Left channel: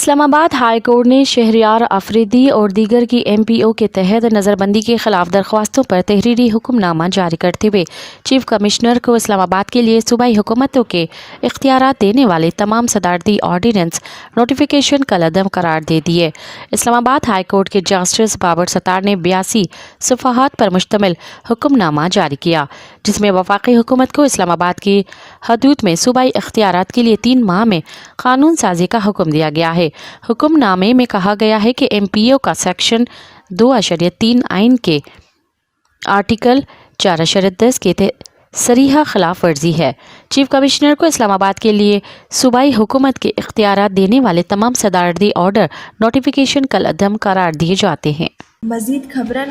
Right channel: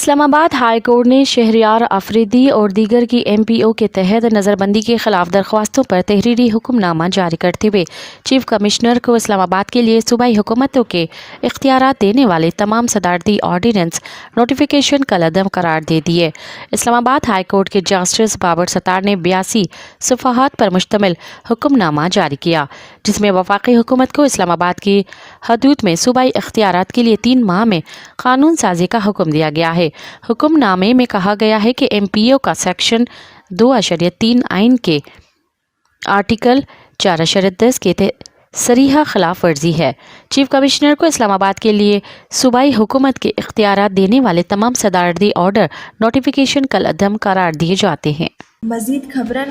اسلام آباد high court نے شہریار آفریدی اور دیگر کی MPO کے تحت نظربندی کے خلاف درخواستوں پر تحریری حکم نامہ جاری کرتے ہوئے چیف کمشنر کو اسلام آباد کے لیے صوبائی حکومتوں کے اختیارات دینے والے تمام صدارتی آرڈیننس نوٹیفیکیشن کالعدم قرار دے دیے۔ اسلام آباد ہائی کورٹ کے جسٹس بابر ستار نے 82 صفحات پر مشتمل حکم نامہ جاری کیا، جس میں وفاقی حکومت کو اسلام آباد کی حدود میں صوبائی اختیارات کے لیے 3 ماہ میں قانون سازی کا حکم دیا گیا ہے۔ حکم نامے میں کہا گیا ہے کہ MPO کا سیکشن 2.3 آئین کے آرٹیکل 4.10 کے صریحہ خلاف ورزی ہے۔ چیف کمشنر کو اسلام آباد کے لیے صوبائی حکومت کے اختیارات دینے والے تمام صدارتی آرڈر نوٹیفیکیشن کالعدم قرار دیے جاتے ہیں۔ مزید خبرن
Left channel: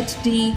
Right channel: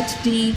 HD।